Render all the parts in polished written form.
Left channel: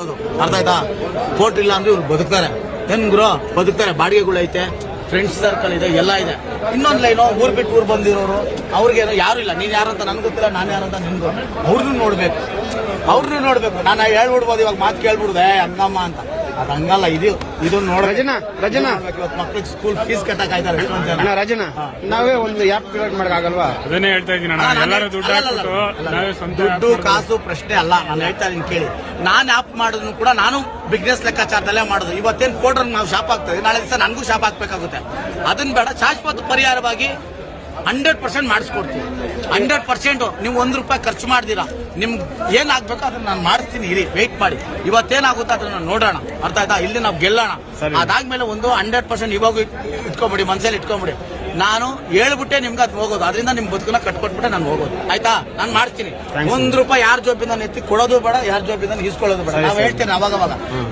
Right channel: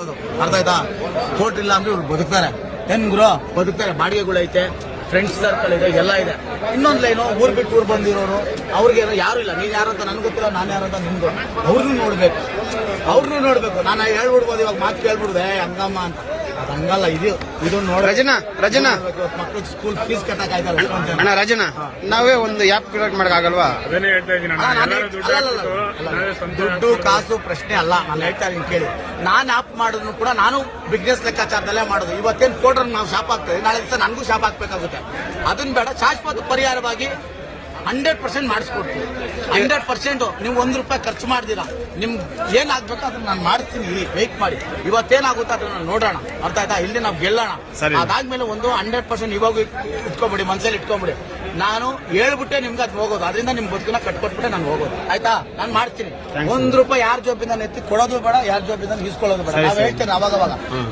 ಅರ್ಥ ಆಯ್ತಾ? ಕೋರ್ಟ್ ಇಲ್ಲ ಅಂದ್ರೆ ಇವ್ರು ಬದುಕ್ತಾರೆ. ಏನ್ ಗುರು ಬದುಕ್ತಾರೆ. ಬಾಡಿಗೆಗಳೈತೆ, ಫ್ರೆಂಡ್ಸ್ ಸರ್ಕಲ್ ಇದೆ, ಎಲ್ಲ ಇದೆ. ಇನ್ನೊಂದು ಲೈನು ಊರ್ ಬಿಟ್ಟು ಊರ್ ಬಂದಿರೋರು ಅವ್ರಿಗೇನು ಯಾರು ಇಲ್ಲ. ನೀನ್ ಯಾರಂತ ನನ್ಗೆ ಗೊತ್ತಿಲ್ಲ, ನಾನು ಯಾರಂತ ನಿನ್ಗೂ. ಅವ್ರನ್ನೂ ನೋಡ್ಬೇಕು. ನಾನು ಹೇಳ್ಬಿಡ್ಬೋದು, ಇವಾಗ ಮಾತು ಕೇಳ್ಬಿಡ್ದೆ ಅನ್ನಮ್ಮ ಅಂತ. ಅದು ಹಂಗಲ್ಲ. ಇದು ನೋಡಿ ರಜನಾ ಮಕ್ಳಿಗೆ ಸ್ಕೂಲ್ ಫೀಸ್ ಕಟ್ಟಕ್ ಆಯ್ತಾರೆ. ಅಣ್ಣ ರಾಜನಾ, ನಾವೇ ಒಂದು ಆ್ಯಪ್ ಕ್ರಿಯೇಟ್ ಮಾಡಕ್ಕಾಗಲ್ವಾ? ಅದನ್ನೇ ಹೇಳ್ತಾ ಇದ್ದೀನಿ. ದುಡ್ಡು ಕಾಸು ಪ್ರಶ್ನೆ ಅಲ್ಲ. ನಾನು ಹೇಳ್ತಾ ಇದೀನಿ ಕೇಳಿ. ನಾನು ಆಪ್ ಮಾಡಿದ್ರು ಕೂಡ ನಾನು ಬಿಸ್ನೆಸ್ ಲೆಕ್ಕಾಚಾರದಲ್ಲೇ ಮಾಡೋದು. ಇವತ್ತೇನು ಕೋರ್ಟ್ ನಾವು ಶಾಪ್ ಆಗ್ತದೆ, ನಾಳೆ ದಿವಸ ನನಗೂ ಶಾಪ್ ಹಾಕ್ಬೇಕಾಗುತ್ತೆ. ಅದನ್ನ ಬೇಡ, ಶಾಶ್ವತ ಪರಿಹಾರವಾಗಿ 100% ಮಾಡಿಸ್ಕೊಡ್ತೀವಿ. 100% ನೀವು ₹1 ಖರ್ಚು ಮಾಡ್ದಿರಾ ನಿಮ್ಗೆ ಏನಾಗ್ಬೇಕೋ ಅದನ್ನ ನಾನು ಮಾಡಿಸ್ತೀನಿ. ಇರಿ, ವೆಯ್ಟ್ ಮಾಡಿ. ಇವತ್ತೇನಾಗುತ್ತೆ ಅದನ್ನ ನೋಡೋಣ. ಅರ್ಥ ಆಯ್ತಾ? ಇಲ್ಲಿ ನಾವು ಗೆಲ್ಲೋಣ. ಅದಾದ್ಮೇಲೆ 100% ಇವಾಗ ಇಟ್ಕೊಂಬಿಡಿ, ಮನಸ್ಸಲ್ಲಿ ಇಟ್ಕೊಂಬಿಡಿ. ನಾನು ಹೇಳ್ಬಿಟ್ಟೆ ನಿಮ್ಗೆ ಅದು ಹೋಗೋದು. ಅದರಿಂದ ನಿಮ್ ಬದುಕನ್ನ ಕಟ್ಕೊಟ್ಬಿಟ್ಟೆ ನಾನು ಹೋಗೋದು. ಆಯ್ತಾ? ನಾನು ಮಾಡ್ತೀನಿ. ₹1 ಯಾರ ಜೋಬಿಂದ ಎತ್ತಿ ಕೊಡೋದು ಬೇಡ, ಯಾರ ಜೋಬಿಂದ ಈಸ್ಕೊಳ್ಳೋದು ಬೇಡ. ನಾವು ಹೇಳ್ತೇನೆ ಅವಾಗ.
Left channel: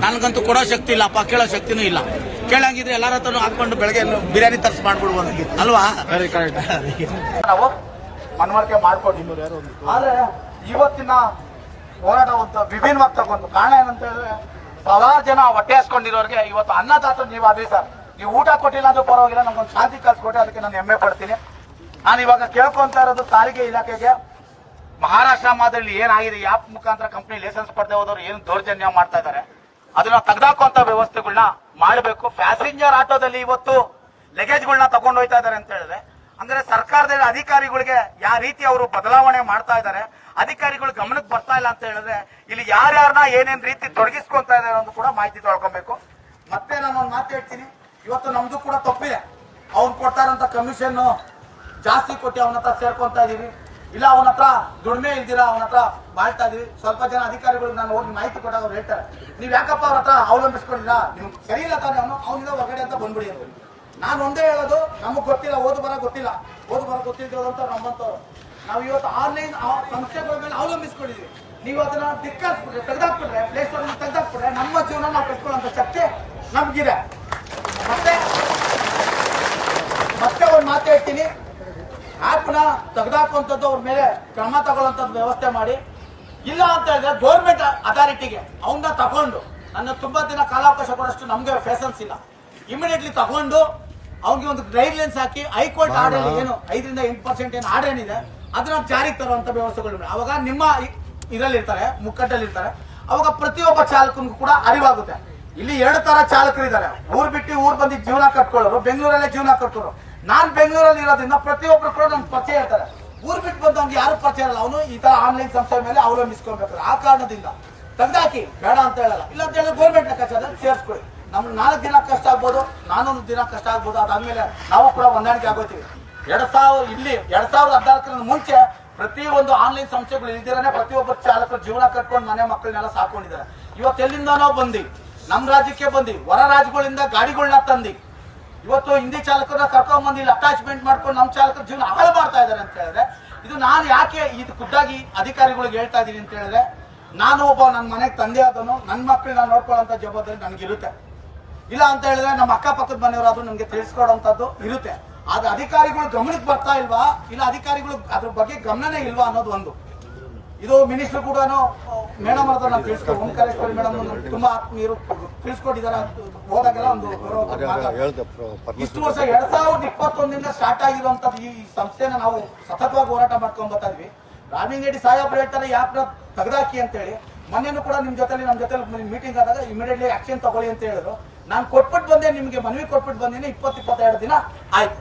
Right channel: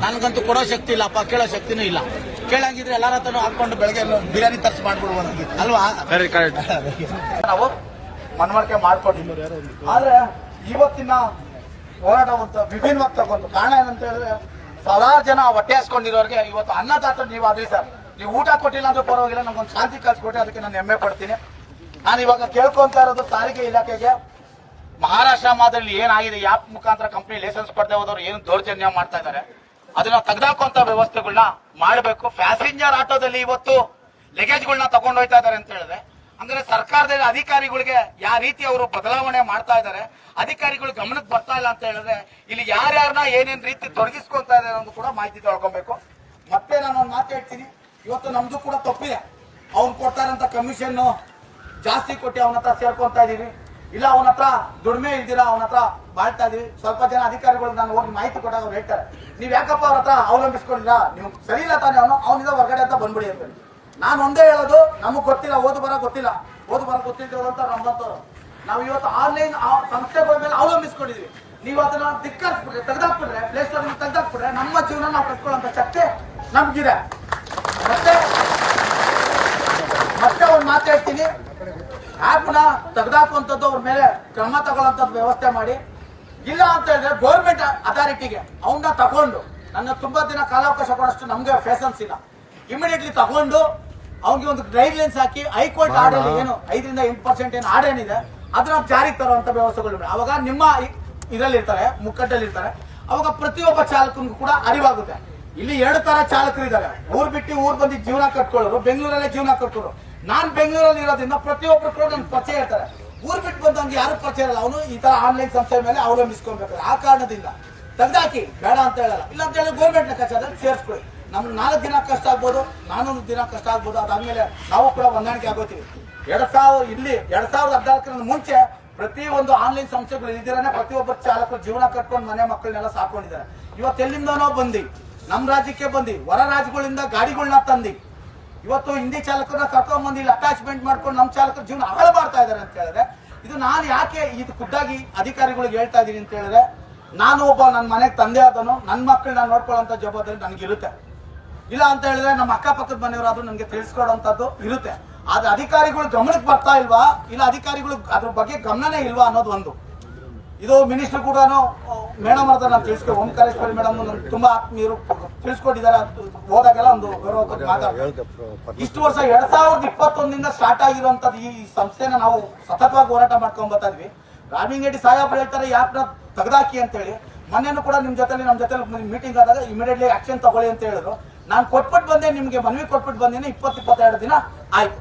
ನನಗಂತೂ ಕೊಡೋ ಶಕ್ತಿ ಇಲ್ಲಪ್ಪ, ಕೇಳೋ ಶಕ್ತಿನೂ ಇಲ್ಲ. ಕೇಳಂಗಿದ್ರೆ ಎಲ್ಲರ ಹತ್ರನೂ ಹಾಕೊಂಡು ಬೆಳಗ್ಗೆ ಬಿರಿಯಾನಿ ತರ್ಸ್ ಮಾಡ್ಬಿಡ್ಬೋದು ಅಲ್ವಾ? ನಾವು ಮನವರಿಕೆ ಮಾಡ್ಕೊಂಡಿದ್ದೀವಿ. ಆದ್ರೆ ಇವತ್ತಿನ ಹೋರಾಟ ಒಂದು ವಿಭಿನ್ನವಾಗಿ ತಗೊಂಡು ಕಾರಣ ಏನಂತ ಹೇಳಿದ್ರೆ, ಸಾವಿರಾರು ಜನ ಹೊಟ್ಟೆ ಹಾಸ್ಕೊಂಡಿರೋರಿಗೆ ಇವತ್ತು ಅನ್ನದಾತ ನೀವು ಆದ್ರಿ ಸರ್. ನೀವು ಊಟ ಕೊಟ್ಟಿಲ್ಲ ಅಂದ್ರೆ ಪರವಾಗಿಲ್ಲ, ನಮ್ಗೊಂದು ಶಾಂತಿ ಕಲ್ಸ್ಕೊಟ್ಟೆ, ಅದಕ್ಕೆ ನಾನು ಹೆಮ್ಮೆ ಪಡ್ತೀನಿ. ನಾನು ಇವಾಗ ಕೇಳ್ಕೊಂತ ಇರೋದು ಸಾರಿಗೆ ಇಲಾಖೆಗೆ, ಮಹಾರಾಷ್ಟ್ರ ಮಾದರಿ ಏನಾಗಿದೆ, ಆಪ್ ಮುಖಾಂತರ ಕಂಪ್ನಿ ಲೈಸೆನ್ಸ್ ಪಡೆದೇ ಹೋದವರು ಏನು ದೌರ್ಜನ್ಯ ಮಾಡ್ತಾ ಇದ್ದಾರೆ, ಅದನ್ನ ತೆಗೆದಾಕುವಂತ ವ್ಯವಸ್ಥೆಗಳನ್ನ ಮಾಡಬೇಕು. ಪ್ಯಾಸೆಂಜರ್ ಆಟೋದಲ್ಲಿ ಇವತ್ತು ಲಗೇಜ್ಗಳನ್ನ ತಗೊಂಡು ಹೋಗ್ತಾ ಇದ್ದಾರೆ ಅಂತ ಹೇಳಿದ್ರೆ, ಅಂದ್ರೆ ಸರ್ಕಾರದ ಅಧಿಕಾರಿಗಳಿಗೆ ಯಾವ ರೀತಿ ಅವರು ಬದಲಾವಣೆ ಮಾಡ್ತಾ ಇದ್ದಾರೆ, ಅಧಿಕಾರಿಗಳು ಗಮನಕ್ಕೆ ಬರ್ತಾ ಇಲ್ಲ ಅಂತ ಹೇಳಿದ್ರೆ, ಇಲ್ಲಿ ಯಾರ್ಯಾರನ್ನ ಏನೇನ್ ರೀತಿ ತೊಡಗಿಸ್ಕೊಂತಾ ಇದ್ದಾರೆ ಅನ್ನೋದು ಕೂಡ ಮಾಹಿತಿ ತೊಳ್ಕೊಬೇಕು. ಮತ್ತೆ ನಾನು ಒಂದು ಮಾತು ಹೇಳ್ತೀನಿ, ಇವತ್ತು ನಮ್ದು ಕೂಡ ತಪ್ಪಿದೆ. ಅವ್ನು ಕೊಡ್ತಾರಂತ ಕಮಿಷನ್ ಜಾಸ್ತಿ ಕೊಟ್ಟು ಅವನ ಹತ್ರ ಸೇರ್ಕೊಂತಾ ಇದೀವಿ, ಇಲ್ಲ ಅವನ ಹತ್ರ ದುಡಿಮೆ ಇಲ್ದಿರಾ ಅವನ ಹತ್ರ ಬಾಳ್ತಾ ಇದೀವಿ. ಸ್ವಲ್ಪ ಜನ ಅಧಿಕಾರಿಗಳು ನಾನು ಹೋಗಿ ಮಾಹಿತಿ ಕೊಟ್ಟಾಗ ಅವ್ರು ಹೇಳ್ತಾರೆ, ನೀವ್ ಯಾಕಪ್ಪ ಅವ್ರ ಹತ್ರ ಅವಲಂಬಿಸ್ಕೊಂಡಿಲ್ಲ, ನಿಮ್ಗೆ ಸರಿ ಇಲ್ಲ ತಾನೇ, ಅವನಿಂದ ಹೊರಗಡೆ ಅಂತ ಬಂದ್ಬಿಡಿ ಅಂತ. ನಾನು ಒಂದೇ ಹೇಳೋದು, ನಮಗ್ ಗೊತ್ತಿಲ್ಲ, ಓದು ಬರ ಗೊತ್ತಿದ್ದವಂತ ನಮ್ಮಂತವ್ರು. ನಾವು ಇವತ್ತು ಆನ್ಲೈನ್ ಸಂಸ್ಥೆಗಳ ಮೇಲೆ ಅವಲಂಬಿಸ್ಕೊಂಡಿದೀವಿ. ನೀವು ಅದನ್ನ ದಿಕ್ಕಾಕ್ಬಿಟ್ರೆ, ತೆಗೆದಾಕ್ಬಿಟ್ರೆ, ಪ್ಲೇ ಸ್ಟೋರ್ ತೆಗೆದಾಕ್ಬಿಟ್ರೆ ನಮ್ಮ ಜೀವನ ನಾವು ಕಟ್ಕೊಳ್ಳೋಂತ ಶಕ್ತಿ ನಮ್ಗಿದೆ. ಮತ್ತೆ ಒಂದು ಮಾತು ಹೇಳ್ತೀನಿ, ಆಪ್ನ ತೆಗೆದಾಕುವಂಥದ್ದು ಅವ್ರ ಮೇಲೆ ಕ್ರಮ ತಗೊಳ್ಳೋಂಥದ್ದು ವ್ಯವಸ್ಥೆ ಮಾಡಿ. ಇಲ್ಲ ಅಂತ ಹೇಳಿದ್ರೆ ಗೌರ್ಮೆಂಟ್ ಅಥಾರಿಟಿಗೆ ಅವನ್ನ ತಗೊಂಡು, ನನ್ನ ತುಂಬಾ ದಿನ ಕಾಲಾವಕಾಶ ಕೊಡೋಷ್ಟು ನಮ್ಗೆ ಫೇಸನ್ಸ್ ಇಲ್ಲ, ಇಮಿಡಿಯೇಟ್ಲಿ ತಗೊಂಡು ಅವ್ನಿಗೆ ಒಂದು ಗೈಡ್ ಲೈನ್ಸ್ ಹಾಕಿ ಹೈಕೋರ್ಟ್ ಆರ್ಡರ್ ಏನು 5ರಿಂದ 8% ಏನು ಆರ್ಡರ್ ಏನಿದೆ ಅದನ್ನ ಜಾರಿಗೆ ತರುವಂತ ವ್ಯವಸ್ಥೆಗಳು. ಅವಾಗ ನಿಮ್ಮ ಇದರಲ್ಲಿರ್ತಾರೆ, ಮುಕ್ಕಟ್ಟಲ್ಲಿರ್ತಾರೆ, ಅವಾಗ ಪ್ರತಿಯೊಬ್ಬ ಚಾಲಕನಿಗೂ ಕೂಡ ಅರಿವಾಗುತ್ತೆ. ಇಲ್ಲಿ 2 ತರ ಚಾಲಕರಿದ್ದಾರೆ, ಊರ್ ಬಿಟ್ಟು ಊರ್ ಬಂದು ಜೀವನ ಕಟ್ಕೊಳ್ಳೋರು, ಬೆಂಗಳೂರಲ್ಲೇ ಜೀವನ ಕಟ್ಕೊಳ್ಳೋರು. ನಾನ್ ಬೆಂಗಳೂರಲ್ಲಿ ಇರೋದ್ರಿಂದ ಪ್ರತಿಯೊಬ್ಬರು ಕೂಡ ನಮ್ಗೆ ಪರಿಚಯ ಇರ್ತಾರೆ. ಊರ್ ಬಿಟ್ಟು ಬಂದು ಅವ್ನಿಗೆ ಯಾರು ಪರಿಚಯ ಇರಲ್ಲ, ಅವನು ಈ ತರ ಆನ್ಲೈನ್ ಸಂಸ್ಥೆ ಮೇಲೆ ಅವಲಂಬಿಸ್ಕೊಳ್ಬೇಕು. ಆ ಕಾರಣದಿಂದ ತೆಗ್ದಾಕಿ, ಬೇಡ ಅಂತ ಹೇಳಲ್ಲ. ಇಲ್ಲ ಅಂತ ಹೇಳಿದ್ರೆ ಗೌರ್ಮೆಂಟ್ ಲೆಕ್ಕಾಚಾರದಲ್ಲಿ ಸೇರಿಸ್ಕೊಳ್ಳಿ. ನಮ್ಗೆ 4 ದಿನ ಕಷ್ಟ ಆಗ್ಬೋದು, 400 ದಿನ ಕಷ್ಟ ಆಗ್ಬೋದು. ಅದಾದ್ಮೇಲೆ ನಾವು ಕೂಡ ಹೊಂದಾಣಿಕೆ ಆಗೋತೀವಿ. 2014 ಮುಂಚೆ ಪ್ರತಿಯೊಂದು ಆನ್ಲೈನ್ ಸಂಸ್ಥೆಗಳು ಇಲ್ದಿರಾನೆ ಪ್ರತಿಯೊಬ್ಬರು ಚಾಲಕರು ಜೀವನ ಕಟ್ಕೊಂಡು ಮನೆ ಮಕ್ಕಳನ್ನೆಲ್ಲ ಸಾಕೊಂಡಿದ್ದಾರೆ. ಇವತ್ತು ಎಲ್ಲಿಂದನೋ ಬಂದಿ ನಮ್ ರಾಜ್ಯಕ್ಕೆ ಬಂದಿ, ಹೊರ ರಾಜ್ಯಗಳಿಂದ ಗಾಡಿಗಳನ್ನ ತಂದಿ ಇವತ್ತು ಹಿಂದಿ ಚಾಲಕರನ್ನ ಕರ್ಕೊಂಡ್ ಬಂದು ಇಲ್ಲಿ ಅಟ್ಯಾಚ್ಮೆಂಟ್ ಮಾಡ್ಕೊಂಡು ನಮ್ಮ ಚಾಲಕರ ಜೀವನ ಹಾಳು ಮಾಡ್ತಾ ಇದ್ದಾರೆ ಅಂತ ಹೇಳಿದ್ರೆ, ಇದು ನಾನು ಯಾಕೆ ಇದು ಖುದ್ದಾಗಿ ಅಧಿಕಾರಿಗಳಿಗೆ ಹೇಳ್ತಾ ಇದೀನಿ ಅಂತ ಹೇಳಿದ್ರೆ, ನಾನು ಒಬ್ಬ ನನ್ನ ಮನೆಗೆ ತಂದೆ ಆದನು, ನನ್ನ ಮಕ್ಕಳನ್ನ ನೋಡ್ಕೊಳ್ಳೋಂಥ ಜವಾಬ್ದಾರಿ ನನಗಿರುತ್ತೆ. ಇಲ್ಲ ಅಂತ ಹೇಳಿದ್ರೆ ನಮ್ಮ ಅಕ್ಕಪಕ್ಕದ ಮನೆಯವರಾದ್ರೂ ನನಗೆ ತಿಳಿಸ್ಕೊಡೋಂಥದ್ದು ಇರುತ್ತೆ. ಆದ್ರೆ ಅಧಿಕಾರಿಗಳು ಗಮನಕ್ಕೆ ಬರ್ತಾ ಇಲ್ವಾ, ಇಲ್ಲ ಅಧಿಕಾರಿಗಳು ಅದ್ರ ಬಗ್ಗೆ ಗಮನನೇ ಇಲ್ವಾ ಅನ್ನೋದು ಒಂದು. ಇದು ಮಿನಿಸ್ಟರ್ ಕೂಡ ಮೇಡಮ್ ಅವ್ರದ್ದು ನಾನು ತಿಳಿಸ್ಕೊ, ಓಂಕಾರೇಶ್ವರಿ ಮೇಡಮ್ ತುಂಬಾ ಆತ್ಮೀಯರು ತಿಳಿಸ್ಕೊಟ್ಟಿದ್ದಾರೆ. ಹೋದಾಗೆಲ್ಲ ಒಂದು ಗೌರವ ಮಾತಾಡ್ತಾರೆ. ಇಷ್ಟು ವರ್ಷ 2021 ಸ್ಟಾರ್ಟ್ ಆಗಿರುವಂತದ್ದು ಈ ಸಂಸ್ಥೆನ ನಾವು ಸತತವಾಗಿ ಹೋರಾಟ ಮಾಡ್ಕೊಂಡ್ ಬರ್ತಾ ಇದ್ವಿ. ರಾಮಿಂಗೇಡಿ ಸಾಹೇಬ್ರು ಹೇಳ್ತಾರೆ ಯಾಪ್ನ ತೆಗೆದಾಕಿ ಅಂತ ಹೇಳಿ. ಮೊನ್ನೆನೂ ಕೂಡ ನಮ್ಮ ಜೊತೆ ಮೀಟಿಂಗ್ ಆದಾಗ ಇಮಿಡಿಯೇಟ್ಲಿ ಆಕ್ಷನ್ ತಗೊಳ್ಳಿ ಅಂತ ಹೇಳಿದ್ರು. ನಾನು ಕೊಟ್ಬಿಟ್ಟು ಬಂದೆ, ನಿಮ್ಗೆ ಮನವಿ ಕೊಟ್ಬಿಟ್ಟು ಬಂದೇನೆ. 20-22 ದಿನ ಆಯ್ತು.